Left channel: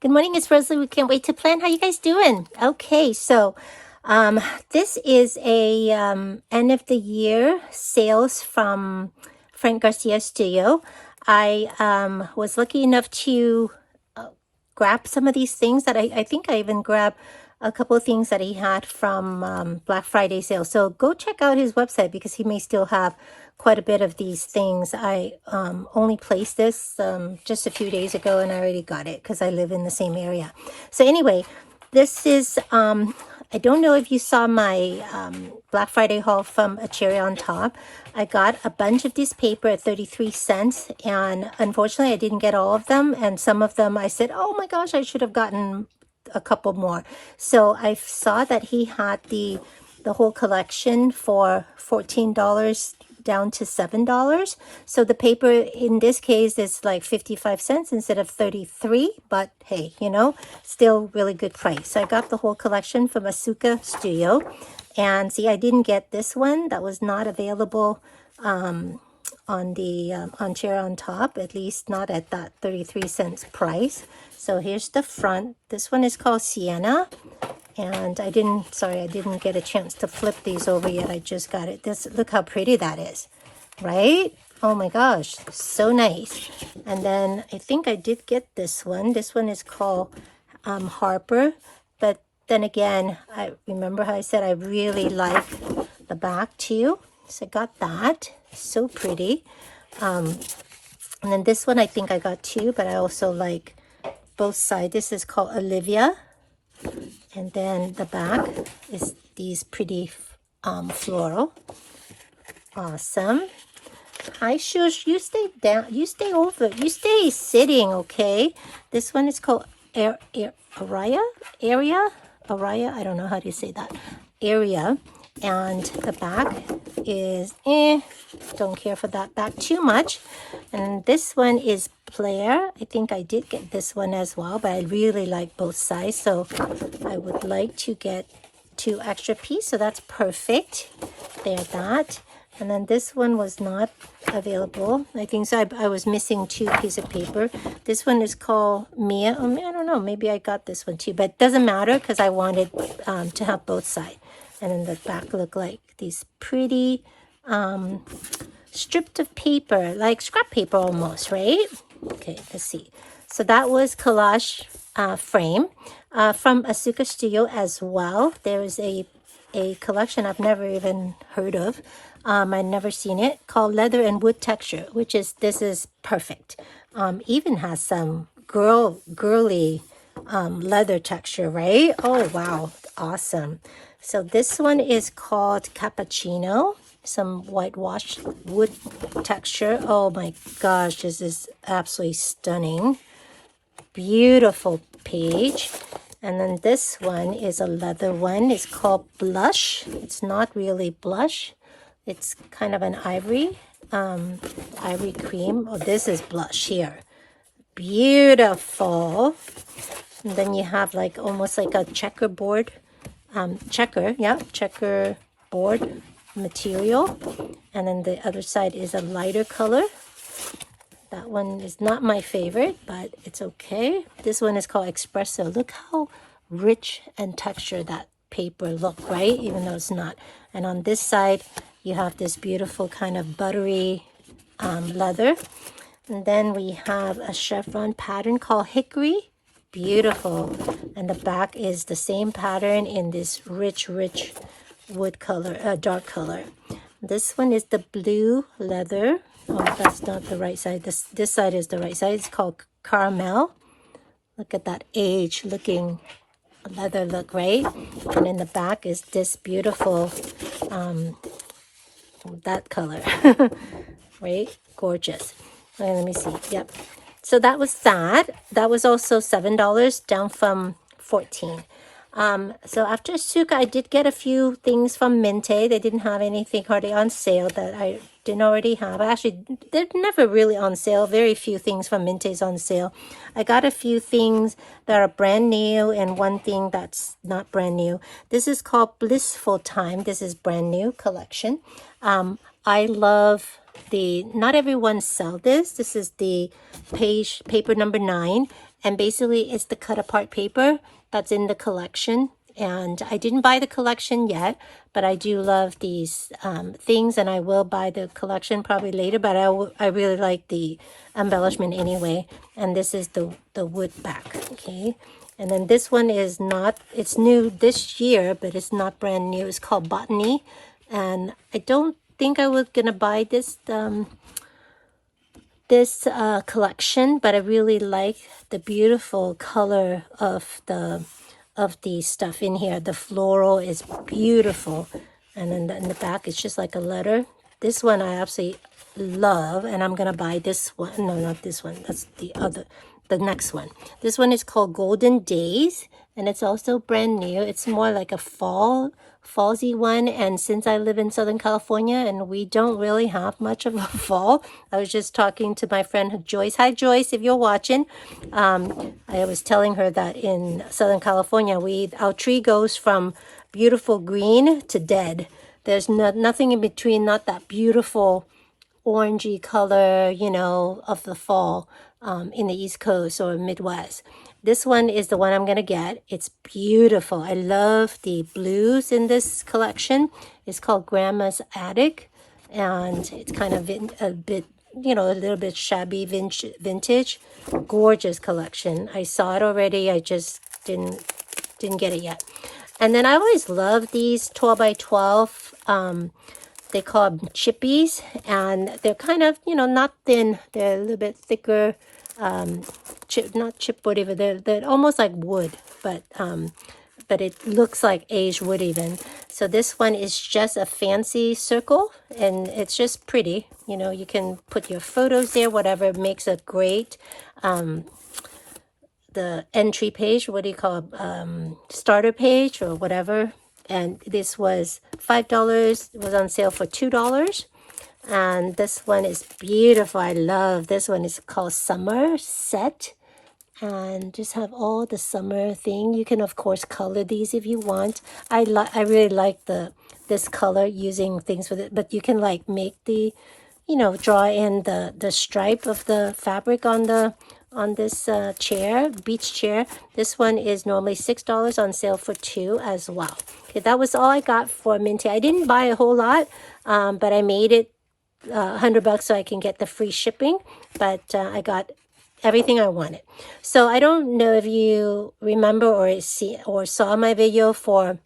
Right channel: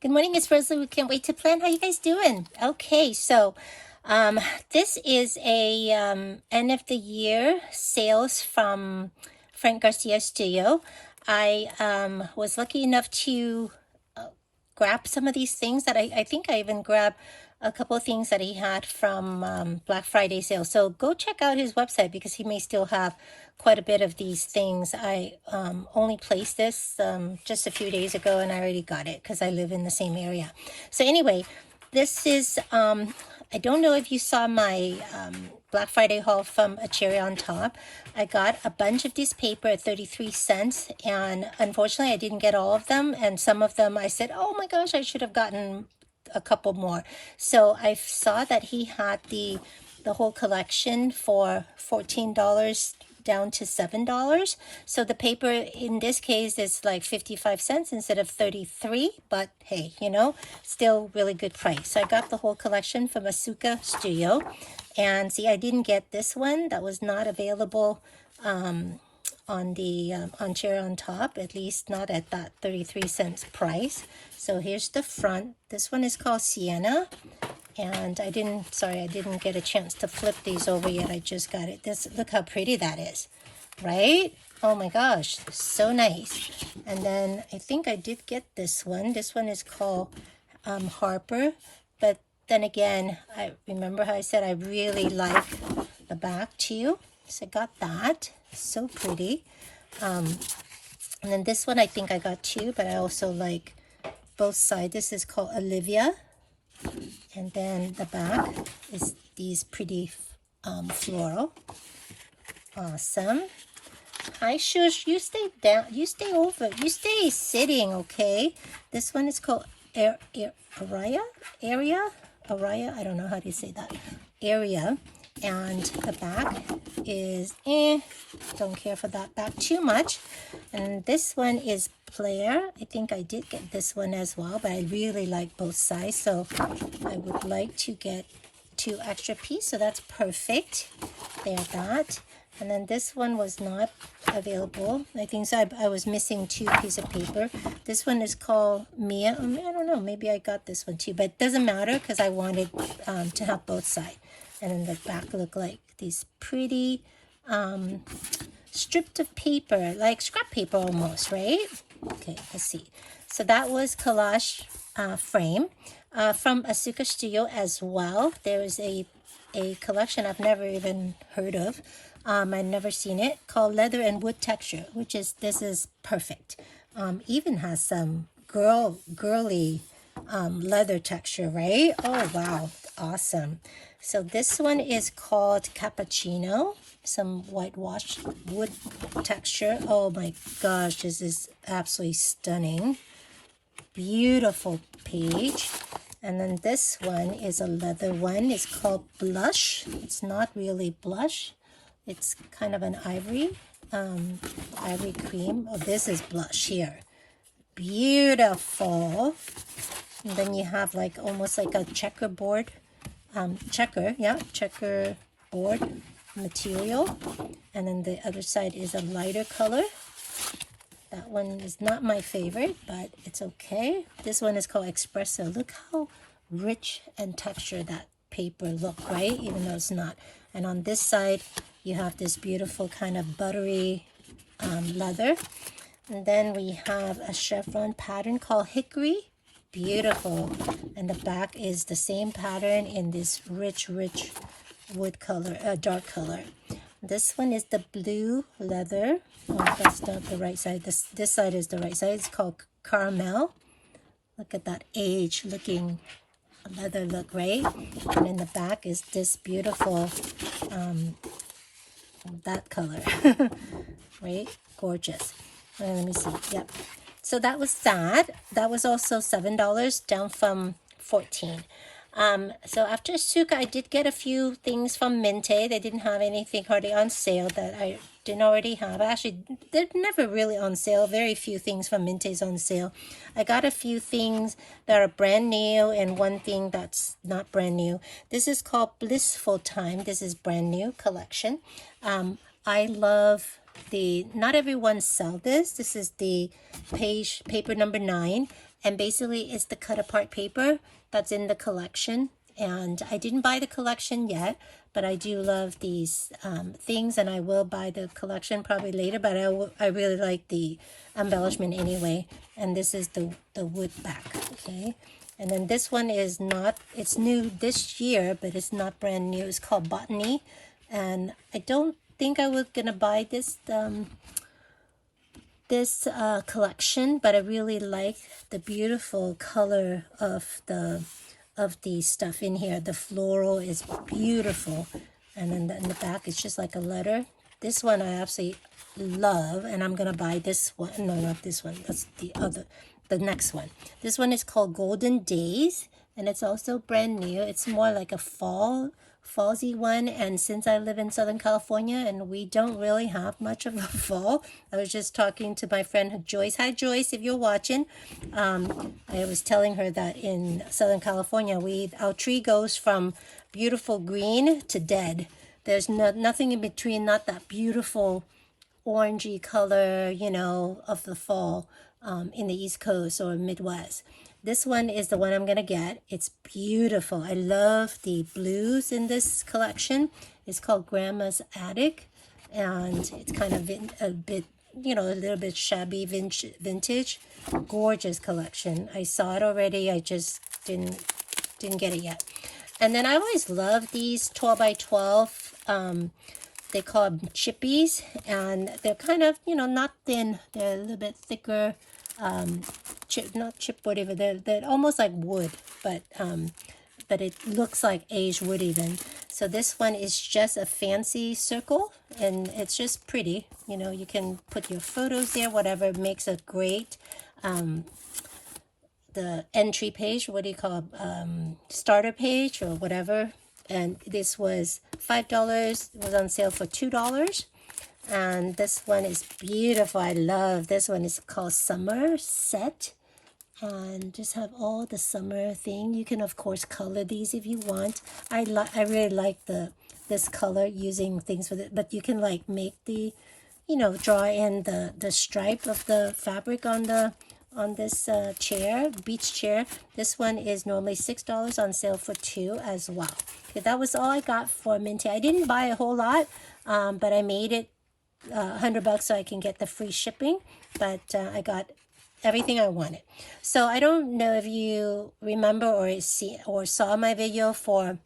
Good morning, it's Rosalie. We can't wait to plan. How you guys doing? Okay, so this is a end of the year sales from Garcia studio. I was lucky enough to grab some of these things that I think I even grabbed a couple of things that he had from Black Friday sale. So go check out his website because he may still have quite a bit of these things. I only placed this just a few days ago and I already got it because I live in the same area. So anyway, this is, I don't know if you saw my Black Friday haul from a cherry on top. I got a bunch of this paper at 33 cents and unfortunately I didn't get all of them, and some of them I said, oh my gosh, I should have gotten a couple more. So I saw that he had the whole collection for $14 down to $7. So the paper in this case is like 55 cents instead of 33, but hey, you know, still really good price. So I got the whole collection from Asuka studio. And see, I didn't get this one. That was not available on cherry on top, at least not at that 33 cents price. So here's the front. This one is called Sienna. And I didn't get a chance to flip these over yet. I just got it. Look how pretty that is, right? Oh my gosh, so nice. And then I think I did get this one. This one is called Harper. But then again, I remember how I said I really like the back too. So I got that. So pretty. And then this one I think I got too, but I also like both sides. This is called Olivia. And then the back is these pretty floral. Awesome. Hi, Shush. You stay down. You stay over. You stay sitting, okay? This one is called Araya. I don't know how to say that. Area. And the back is don't care for that back too much. And this one is Player. I think I did get this one as well, but I really like both sides, so I would like to get 2 extra pieces, so that's perfect. There's that. And then this one was not available. I think so. I was missing 2 pieces of paper. This one is called Mia. I don't know. Maybe I got this one too, but it doesn't matter because I wanted to have both sides. And then the back look like these pretty strips of paper, like scrap paper almost, right? Okay, let's see. So that was collage frame from Asuka Studio as well. There is a collection I've never even heard of. I've never seen it, called Leather and Wood Texture, which is, this is perfect. Even has some girly leather texture, right? Oh, wow. Awesome. So this one is called Cappuccino, some whitewashed wood texture. Oh my gosh, this is absolutely stunning. Beautiful page. And then this one is a leather one. It's called Blush. It's not really blush. It's kind of an ivory cream. Oh, this is blush here. Beautiful. And then you have like almost like a checkerboard. Checker board material, and then the other side is a lighter color. That one is not my favorite, but it's okay. This one is called Espresso. Look how rich and textured that paper look, right? Even though it's not. And on this side you have this beautiful kind of buttery leather, and then we have a chevron pattern called Hickory. Beautiful. And the back is the same pattern in this rich wood color, dark color. This one is the blue leather. Oh, that's not the right side. This side is the right side. It's called Caramel. Look at that age looking leather look, right? And in the back is this beautiful that color. Right? Gorgeous. Let me see. Yep. So that was that. That was also $7 down from $14. So after Asuka, I did get a few things from Mintay. They didn't have anything hardly on sale that I didn't already have. Actually, they're never really on sale. Very few things from Mintay's on sale. I got a few things that are brand new and one thing that's not brand new. This is called Blissful Time. This is brand new collection. I love not everyone sell this. This is the paper number 9, and basically it's the cut apart paper that's in the collection. And I didn't buy the collection yet, but I do love these things, and I will buy the collection probably later, but I really like the embellishment anyway. And this is the wood back, okay? And then this one is not, it's new this year, but it's not brand new. It's called Botany. And I don't think I was gonna buy this collection, but I really like the beautiful color of the stuff in here. The floral is beautiful. And then in the back, it's just like a letter. This one I absolutely love, and I'm gonna buy this one. No, not this one. That's the next one. This one is called Golden Days, and it's also brand new. It's more like a fallsy one, and since I live in Southern California and we don't really have much of a fall, I was just talking to my friend Joyce. Hi Joyce, if you're watching. I was telling her that in Southern California our tree goes from beautiful green to dead. There's nothing in between, not that beautiful orangey color, you know, of the fall in the East Coast or Midwest. This one is the one I'm gonna get. It's beautiful. I love the blues in this collection. It's called Grandma's Attic, and it's kind of a bit, you know, a little bit shabby vintage. Gorgeous collection. I saw it already. I just didn't get it yet. And then I always love these 12 by 12. They call them chippies, and they're kind of, you know, not thin. They're a little bit thicker. Not chipboard even. They're almost like wood, but it looks like aged wood even. So this one is just a fancy circle, and it's just pretty. You know, you can put your photos there, whatever. It makes a great the entry page. What do you call it? Starter page or whatever. And this was $5. It was on sale for $2. And this one is beautiful. I love this one. It's called Summer Set, and just have all the summer thing. You can of course color these if you want. I really like this color, using things with it, but you can like make the, you know, draw in the stripe of the fabric on this chair, beach chair. This one is normally $6, on sale for $2 as well. Okay, that was all I got for Minty. I didn't buy a whole lot, but I made it $100 so I can get the free shipping, but I got everything I wanted. So I don't know if you remember or saw my video for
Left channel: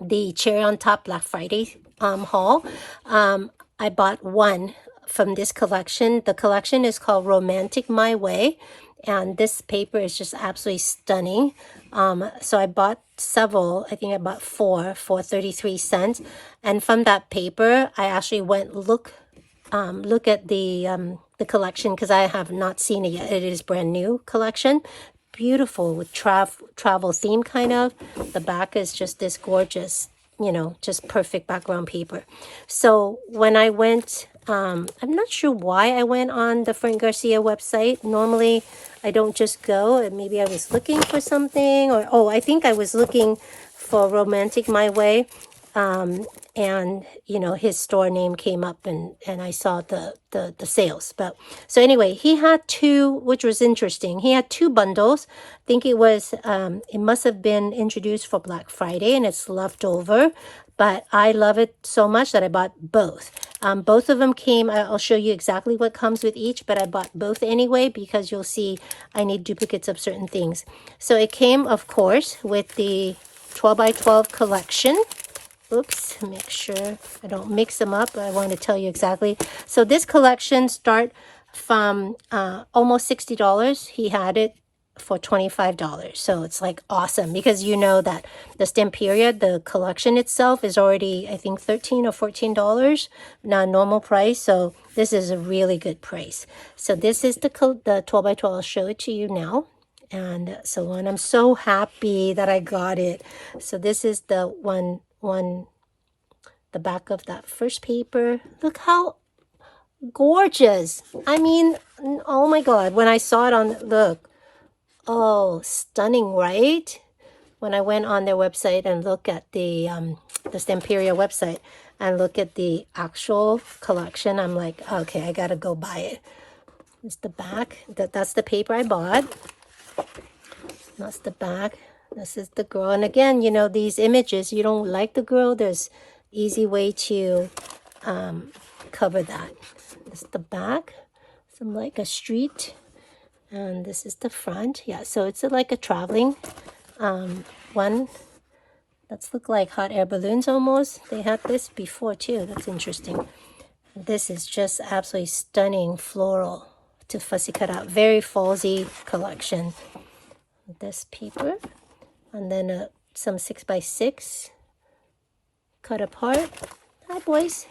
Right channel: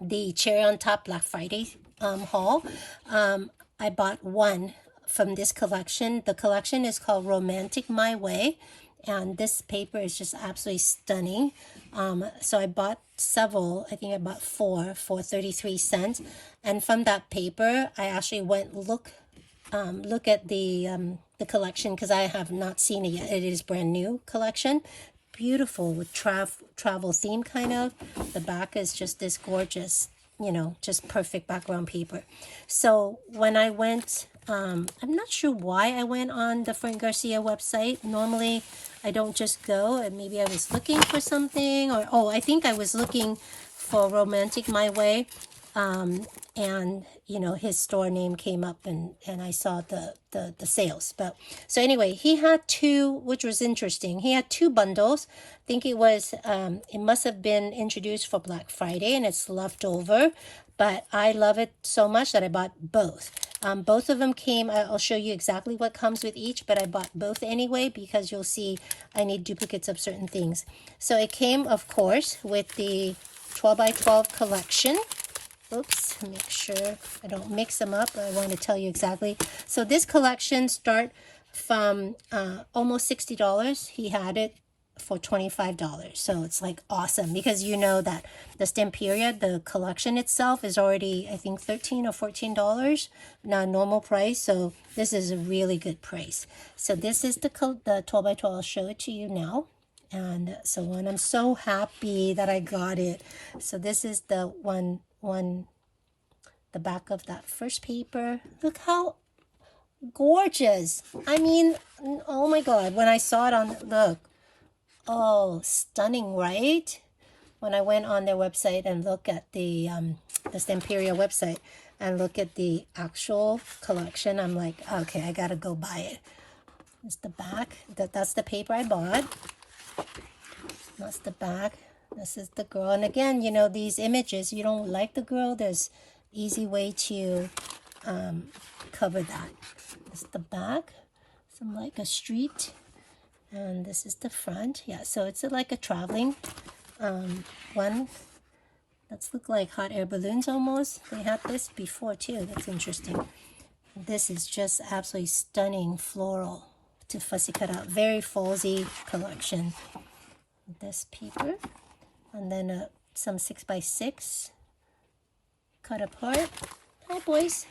the Cherry on Top Black Friday haul. I bought one from this collection. The collection is called Romantic My Way, and this paper is just absolutely stunning. So I bought several. I think I bought 4 for 33 cents, and from that paper I actually went look at the collection, because I have not seen it yet. It is brand new collection. Beautiful with travel theme kind of. The back is just this gorgeous, you know, just perfect background paper. So when I went, I'm not sure why I went on the Frank Garcia website. Normally I don't just go, and maybe I was looking for something, or I think I was looking for Romantic My Way. And you know, his store name came up, and I saw the sales. But so anyway, he had 2, which was interesting. He had 2 bundles. I think it was it must have been introduced for Black Friday, and it's left over, but I love it so much that I bought both. Both of them came, I'll show you exactly what comes with each, but I bought both anyway, because you'll see I need duplicates of certain things. So it came, of course, with the 12 by 12 collection. Oops, make sure I don't mix them up. I want to tell you exactly. So this collection start from almost $60. He had it for $25. So it's like awesome, because you know that the Stamperia, the collection itself, is already, I think, $13 or $14, not normal price. So this is a really good price. So this is the 12 by 12. I'll show it to you now. And so on. I'm so happy that I got it. So this is the the back of that first paper. Look how gorgeous. I mean, oh my God, when I saw it on, look, oh, stunning, right? When I went on their website and looked at the Stamperia website, and look at the actual collection, I'm like, okay, I gotta go buy it. It's the back. That's the paper I bought. That's the back. This is the girl. And again, you know, these images, you don't like the girl, there's easy way to cover that. This is the back. Some like a street. And this is the front. Yeah, so it's like a traveling one. That's look like hot air balloons almost. They had this before too. That's interesting. This is just absolutely stunning floral to fussy cut out. Very fallsy collection. This paper. And then some 6x6 cut apart. Oh, boys.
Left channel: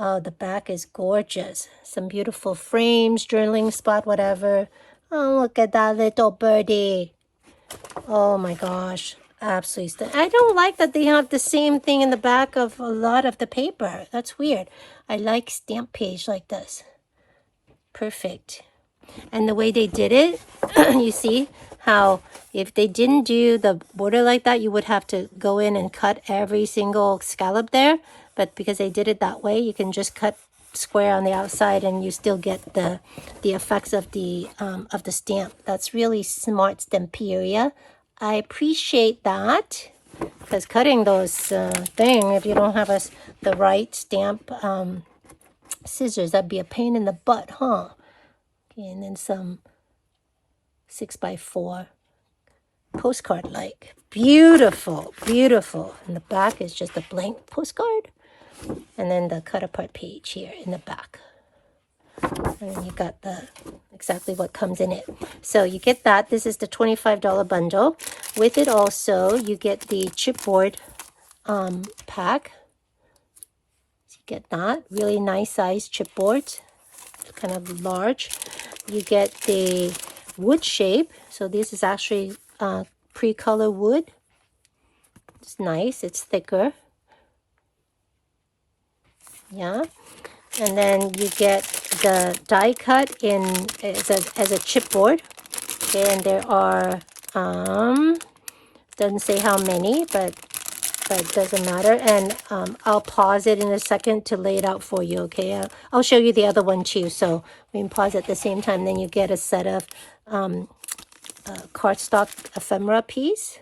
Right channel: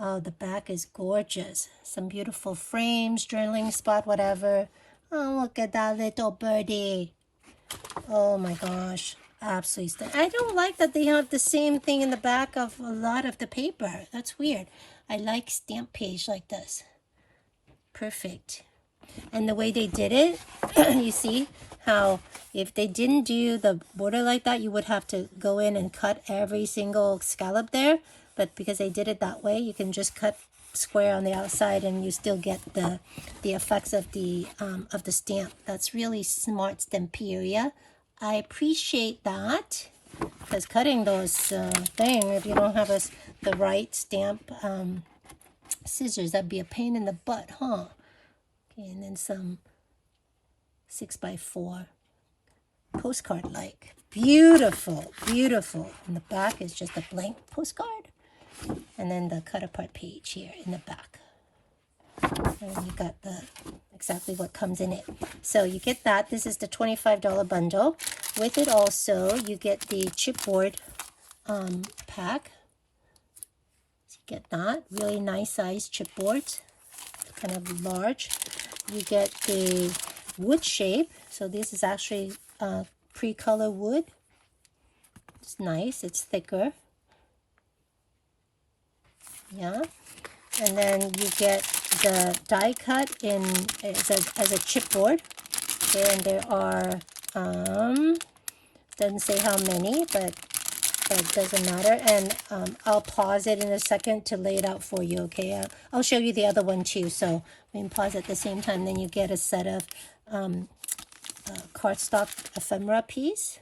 Oh, the back is gorgeous. Some beautiful frames, journaling spot, whatever. Oh, look at that little birdie. Oh my gosh. Absolutely. I don't like that they have the same thing in the back of a lot of the paper. That's weird. I like stamp page like this. Perfect. And the way they did it, you see how if they didn't do the border like that, you would have to go in and cut every single scallop there. But because they did it that way, you can just cut square on the outside and you still get the effects of the stamp. That's really smart Stamperia. I appreciate that, because cutting those thing, if you don't have the right stamp scissors, that'd be a pain in the butt, huh? Okay, and then some 6x4 postcard like. Beautiful, beautiful. And the back is just a blank postcard. And then the cut apart page here in the back. And you got exactly what comes in it. So you get that. This is the $25 bundle. With it also, you get the chipboard pack. So you get that. Really nice size chipboard. Kind of large. You get the wood shape. So this is actually pre-color wood. It's nice. It's thicker. Yeah. And then you get the die cut in as a chipboard. Okay, and there are doesn't say how many, but it doesn't matter. And I'll pause it in a second to lay it out for you. Okay, I'll show you the other one too. So we can pause at the same time. Then you get a set of cardstock ephemera piece.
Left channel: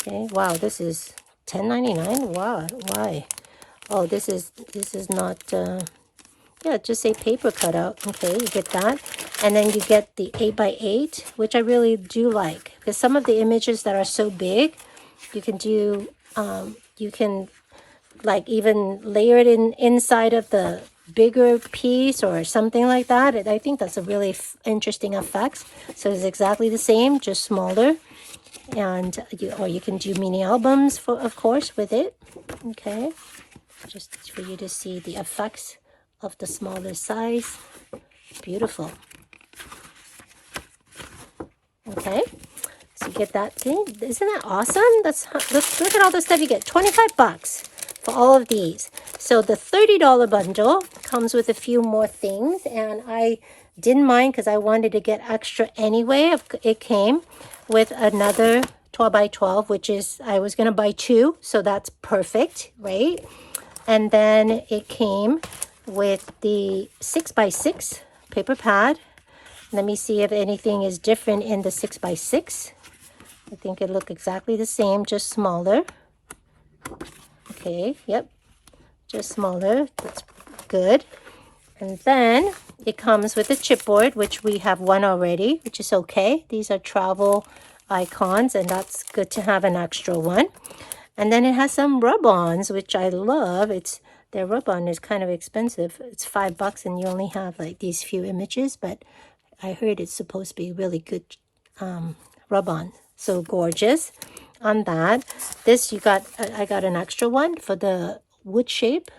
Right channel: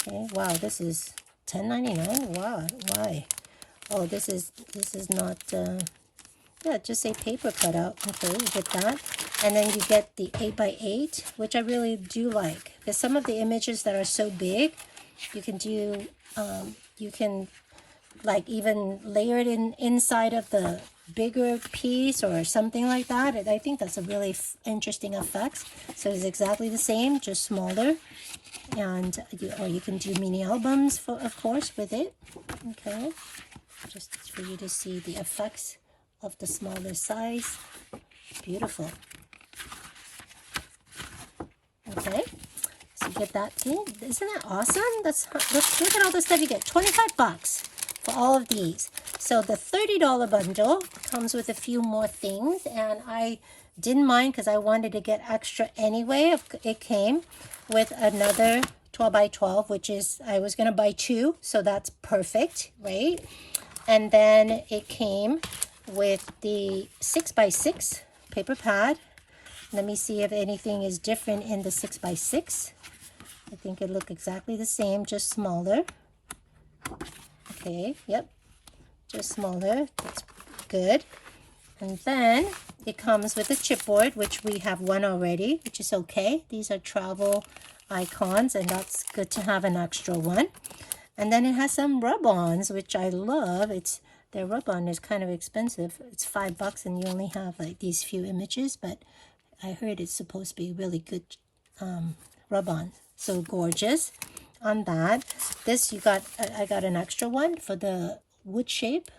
Okay, wow, this is $10.99. Wow, why? Oh, this is not, yeah, just say paper cutout. Okay, you get that. And then you get the 8x8, which I really do like. Because some of the images that are so big, you can do, you can like even layer it inside of the bigger piece or something like that. I think that's a really interesting effect. So it's exactly the same, just smaller. And or you can do mini albums, of course, with it. Okay. Just for you to see the effects of the smaller size. Beautiful. Okay, so you get that thing. Isn't that awesome? Look at all the stuff you get. 25 bucks for all of these. So the $30 bundle comes with a few more things, and I didn't mind because I wanted to get extra anyway. It came with another 12x12, which is, I was going to buy 2, so that's perfect, right? And then it came with the 6x6 paper pad. Let me see if anything is different in the 6x6. I think it looked exactly the same, just smaller. Okay, yep, just smaller. That's good. And then it comes with a chipboard, which we have one already, which is okay. These are travel icons, and that's good to have an extra one. And then it has some rub-ons, which I love. Their rub-on is kind of expensive. It's $5 and you only have like these few images, but I heard it's supposed to be really good rub-on. So gorgeous on that. This I got an extra one for the wood shape.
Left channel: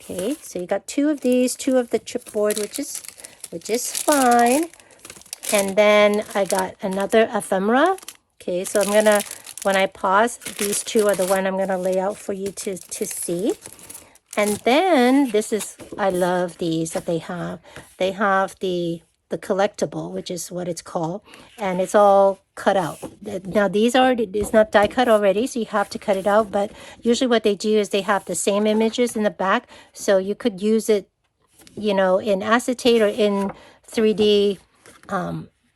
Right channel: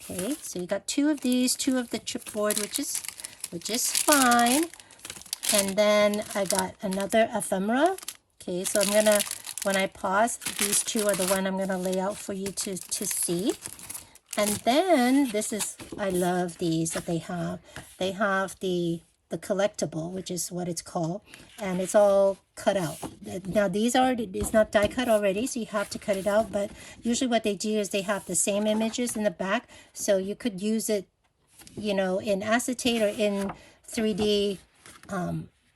Okay, so you got 2 of these, 2 of the chipboard, which is fine. And then I got another ephemera. Okay, so I'm gonna, when I pause, these 2 are the one I'm gonna lay out for you to see. And then this is, I love these that they have. They have the the collectible, which is what it's called, and it's all cut out. Now these are, it's not die cut already, so you have to cut it out, but usually what they do is they have the same images in the back, so you could use it, you know, in acetate or in 3D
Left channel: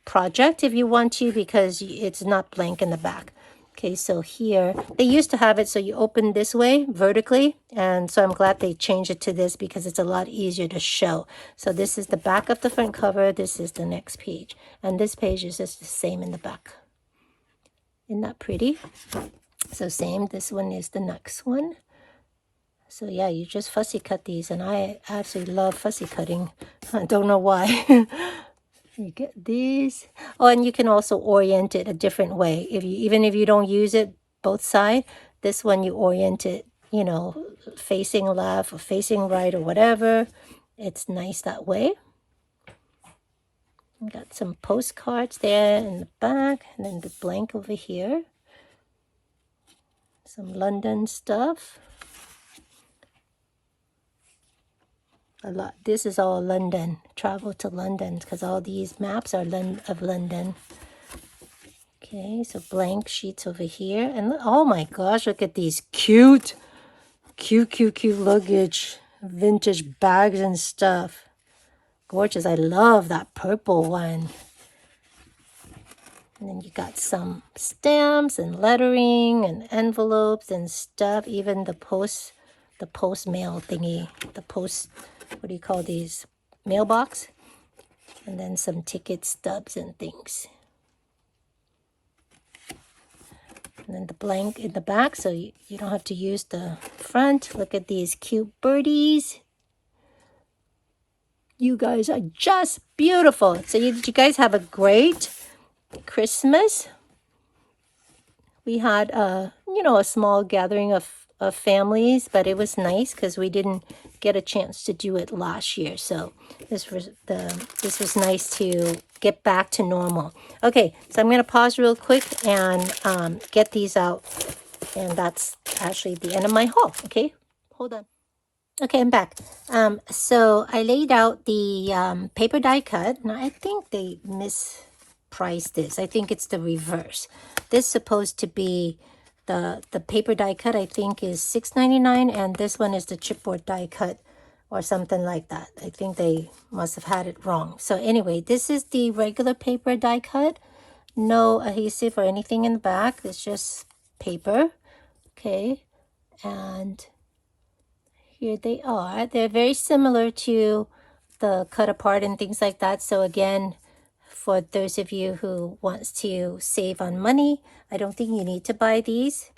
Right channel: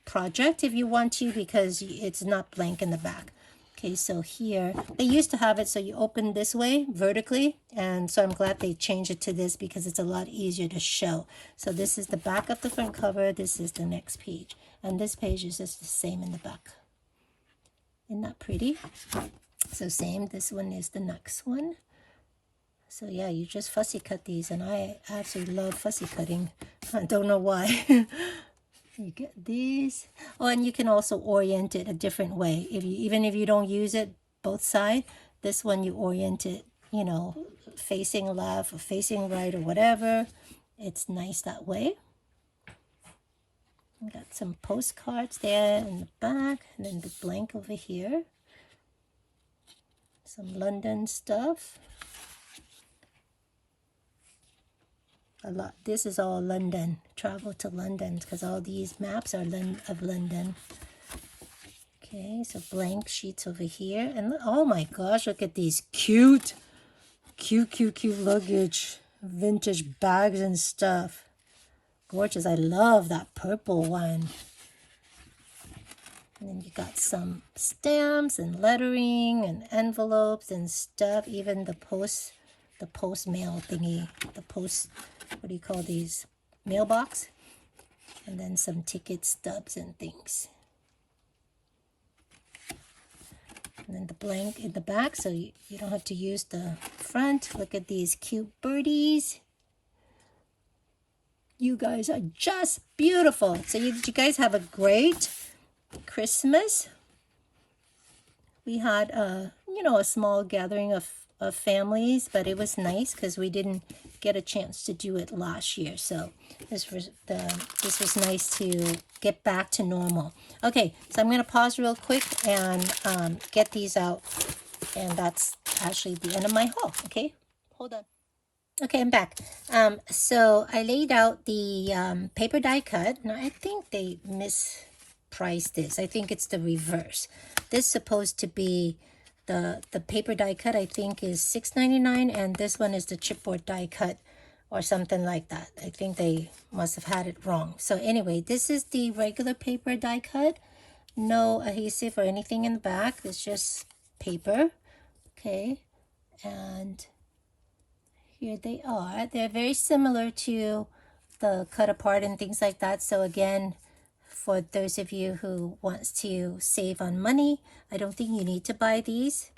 project if you want to, because it's not blank in the back. Okay, so here they used to have it so you open this way vertically, and so I'm glad they changed it to this because it's a lot easier to show. So this is the back of the front cover, this is the next page, and this page is just the same in the back. Isn't that pretty? So same, this one is the next one. So yeah, you just fussy cut these, and I actually love fussy cutting. I don't know why. You get these. Oh, and you can also orient it a different way. Even if you don't use it both sides, this one you orient it, you know, facing left or facing right or whatever. It's nice that way. Got some postcards there in the back, and then the blank over here. Some London stuff. A lot. This is all London. Travel to London, because all these maps are of London. Okay, so blank sheets over here, and look, oh my gosh, look at these cute luggage, vintage bags and stuff. Gorgeous. I love that purple one. And then you got some stamps and lettering and envelopes and stuff. Even the post mail thingy, the post, what do you call these, mailbox, and then some ticket stubs and things, and then the blank in the back, so you don't have to use the front. Look at these cute birdies. You guys are just beautiful. So you guys have a great Christmas. We had you know, a small gathering of families, but it was nice because we didn't get a chance to do it last year, so this was nice to get back to normal. Okay, so I'm going to pause real quick and get these out, and that's actually the end of my haul. Okay, hold on. Okay, I'm back. So I laid out the paper die cut. Now I think they mispriced this. I think it's the reverse. This is supposed to be the paper die cut, I think, is $6.99, and this one is the chipboard die cut or something like that. I think they must have had it wrong. So anyway, this is the regular paper die cut. No adhesive or anything in the back. It's just paper. Okay, and here they are. They're very similar to the cut apart and things like that. So again, for those of you who wants to save on money, I don't think you need to buy these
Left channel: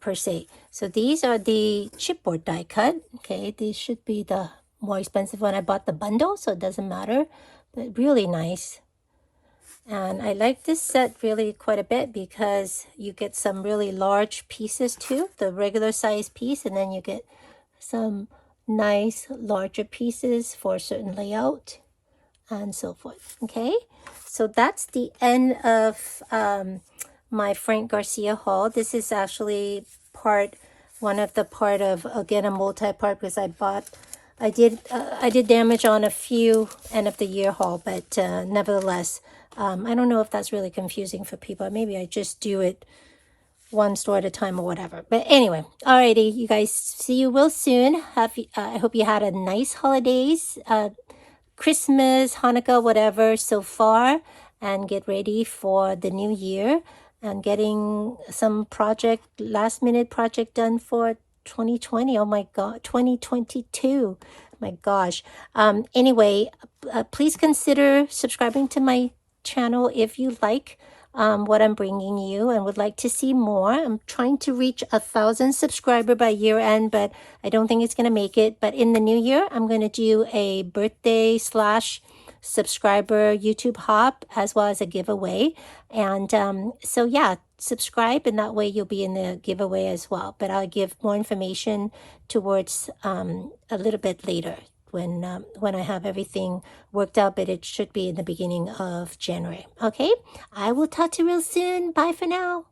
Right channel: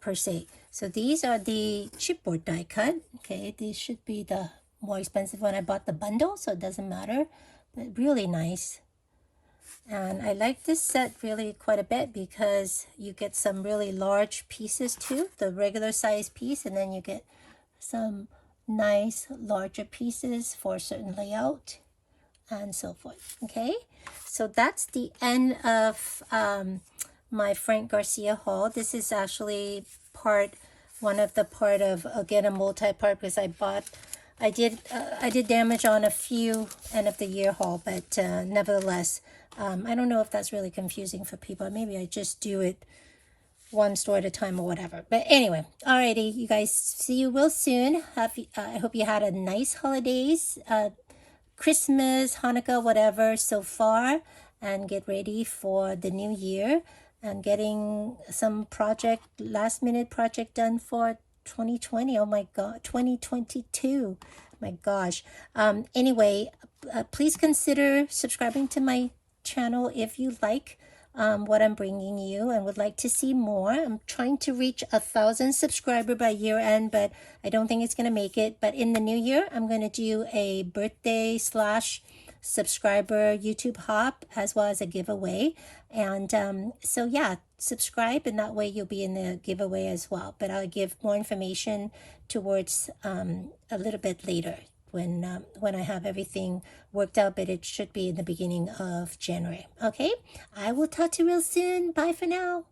per se. So these are the chipboard die cut. Okay, these should be the more expensive one. I bought the bundle, so it doesn't matter, but really nice. And I like this set really quite a bit because you get some really large pieces too, the regular size piece, and then you get some nice larger pieces for a certain layout and so forth. Okay, so that's the end of my Frank Garcia haul. This is actually one of the part of, again, a multi-part, because I did damage on a few end of the year haul, but nevertheless, I don't know if that's really confusing for people. Maybe I just do it one store at a time or whatever. But anyway, alrighty, you guys, see you real soon. I hope you had a nice holidays, Christmas, Hanukkah, whatever so far, and get ready for the new year and getting some last minute project done for 2020. Oh my God, 2022. My gosh. Anyway, please consider subscribing to my channel if you like what I'm bringing you and would like to see more. I'm trying to reach 1,000 subscribers by year end, but I don't think it's going to make it. But in the new year, I'm going to do a birthday / subscriber YouTube hop as well as a giveaway. And so yeah, subscribe, and that way you'll be in the giveaway as well. But I'll give more information towards a little bit later when I have everything worked out, but it should be in the beginning of January. Okay, I will talk to you real soon. Bye for now.